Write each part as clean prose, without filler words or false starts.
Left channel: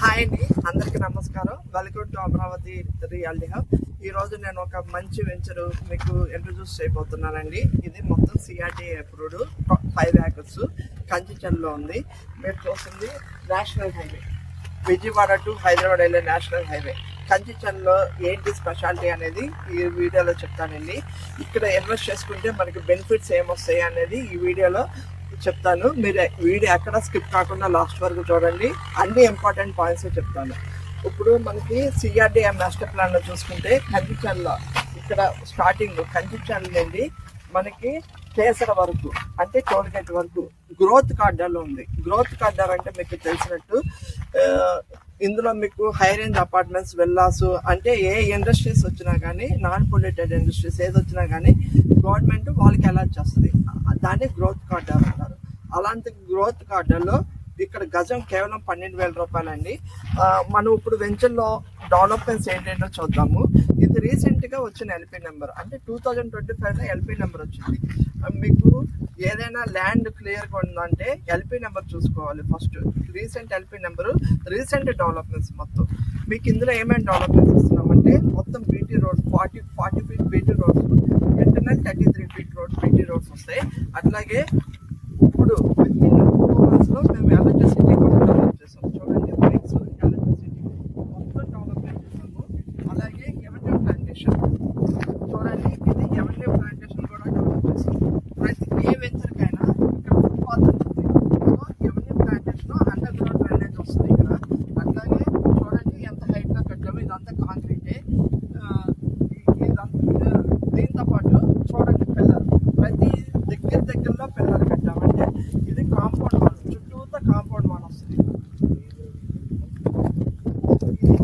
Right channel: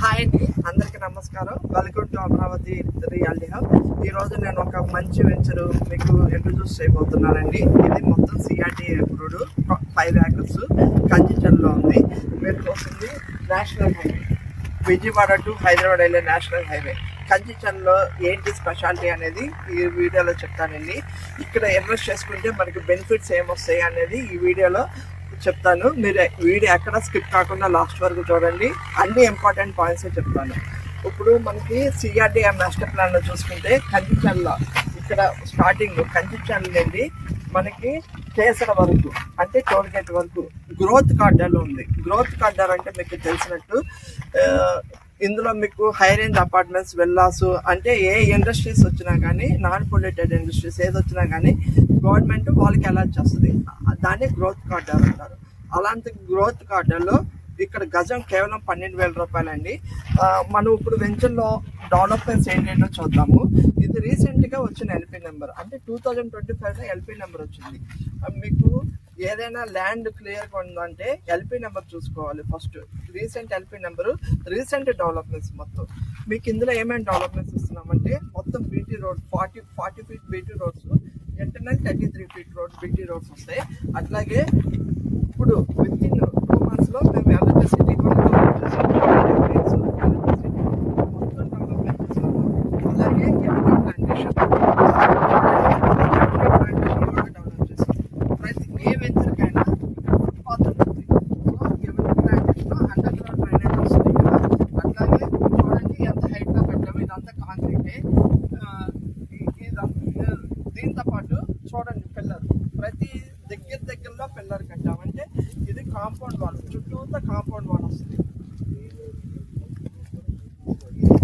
Hi అండి, అందరికీ నమస్కారం. Welcome to Amaravati reality hub. ఈ రోజు నేను ఒక మంచి వెంచర్ మీకు ఇంట్రడ్యూస్ చేయబోతున్నానండి. ఇది మొత్తం సిఆర్టీ అప్రూవ్డ్ 5 acres కంచిచర్లో ఉంది. మీరు చూస్తుంది national highway, Vijayawada to Hyderabad వెళ్ళే నేషనల్ హైవే. కంచిచర్లో ఏంటి స్పెషాలిటీ అనేది ఈ వీడియోలో చెప్తానండి. ఇక్కడ ఇన్వెస్ట్ చేసుకుంటే మనకి బెనిఫిట్స్ ఏమొస్తాయి అనేది ఈ వీడియోలో చెప్తాను. మీరు వీడియో ఎక్కడ స్కిప్ కాకుండా లాస్ట్ వరకు చూడండి. అన్ని ఇంపార్టెంట్ పాయింట్స్ చెప్తాను. ఇప్పుడు మనకి సిఆర్డీఏ మాస్టర్ ప్లాన్లో చూసుకుంటే కంచిచర్ల ఇక్కడ స్టార్టింగ్ కంచిచర్ల నుండి మనకి కేసర వరకు అంటే టోల్ గేట్ వరకు గ్రోత్ కార్డర్లో ఉంది. గ్రోత్ కార్డర్ అంటే మీకు తెలిసినట్టు ఇందులో మీకు హై రేంజ్ అపార్ట్మెంట్స్, విల్లాస్ అంటే ఏ ఇండస్ట్రీస్ వచ్చినా కానీ, నాన్ పొల్యూటెడ్ ఇండస్ట్రీస్ ఏది వచ్చినా కానీ గవర్నమెంట్ వాళ్ళకి అలాట్ చేస్తుంది. దాన్ని గ్రోత్ కార్డర్ అంటారు. అలాంటి గ్రోత్ కార్డర్లో ఇక్కడ గజం కేవలం 12,000 రూపాయలండి. మనం ఇప్పుడు వెంచర్లో డెవలప్మెంట్స్ ఏంటంటో చూద్దాము. ఇది రీసెంట్గా వచ్చిన ఎల్పీ నెంబర్, అంటే 2025లో ఎల్పీ నెంబర్ వచ్చింది. మీకు ఏదైనా ల్యాండ్ క్లియర్గా ఉందంటే ఎల్పీ నెంబర్ చూసుకోవాలి first. Recent LP number, recent developments మొత్తం. మీకు ఇందులో ఏమేమి డెవలప్మెంట్స్ ఇస్తున్నామంటే మొత్తం BT road 40 feet BT roads, internal 33 feet road BT roads వస్తాయి. అట్లాగే ఇప్పుడు వితిన్ 2 months మేము ఎలక్ట్రిసిటీ కూడా డెవలప్ చేసాం. మొత్తం డెవలప్మెంట్ చేసాము. అలాగే ప్లాంటేషన్ కూడా డెవలప్ చేసాం. ప్రతి ఏ వెంచర్కైనా ఫుట్పాత్ ఉంటుంది. సో ఎవరి ప్లాంటేషన్ అండర్ గ్రౌండ్ డ్రైనేజ్ వస్తుంది ఇక్కడ. అట్లాగే చూడండి ఎంత హైట్గా పెట్టాము. ఇదంతా కాంక్రీటే. దీంతో పాటు చూడండి పిల్లర్, ప్రతి దగ్గరలో పిల్లర్ పెట్టామంటే ఇది కాంపౌండ్ వాల్, చుట్టూతో కాంపౌండ్ వాల్ వస్తుంది.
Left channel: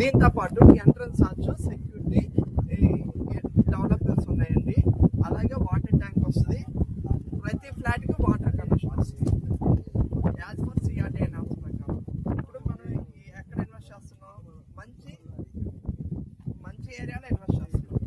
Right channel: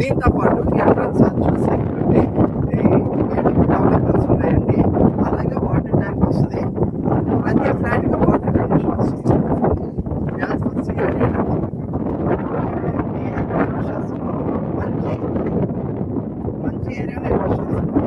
దీంతో పాటు ఎంట్రన్స్ సెక్యూరిటీ డెవలప్మెంట్స్ ఉన్నాయండి. అలాగే వాటర్ ట్యాంక్ వస్తుంది. ప్రతి ఫ్లాట్గా వాటర్ కండిషన్ వస్తుంది. గ్యాస్ సిఆర్డీ మంచి ఏరియాలో ఇన్వెస్ట్ చేస్తాం.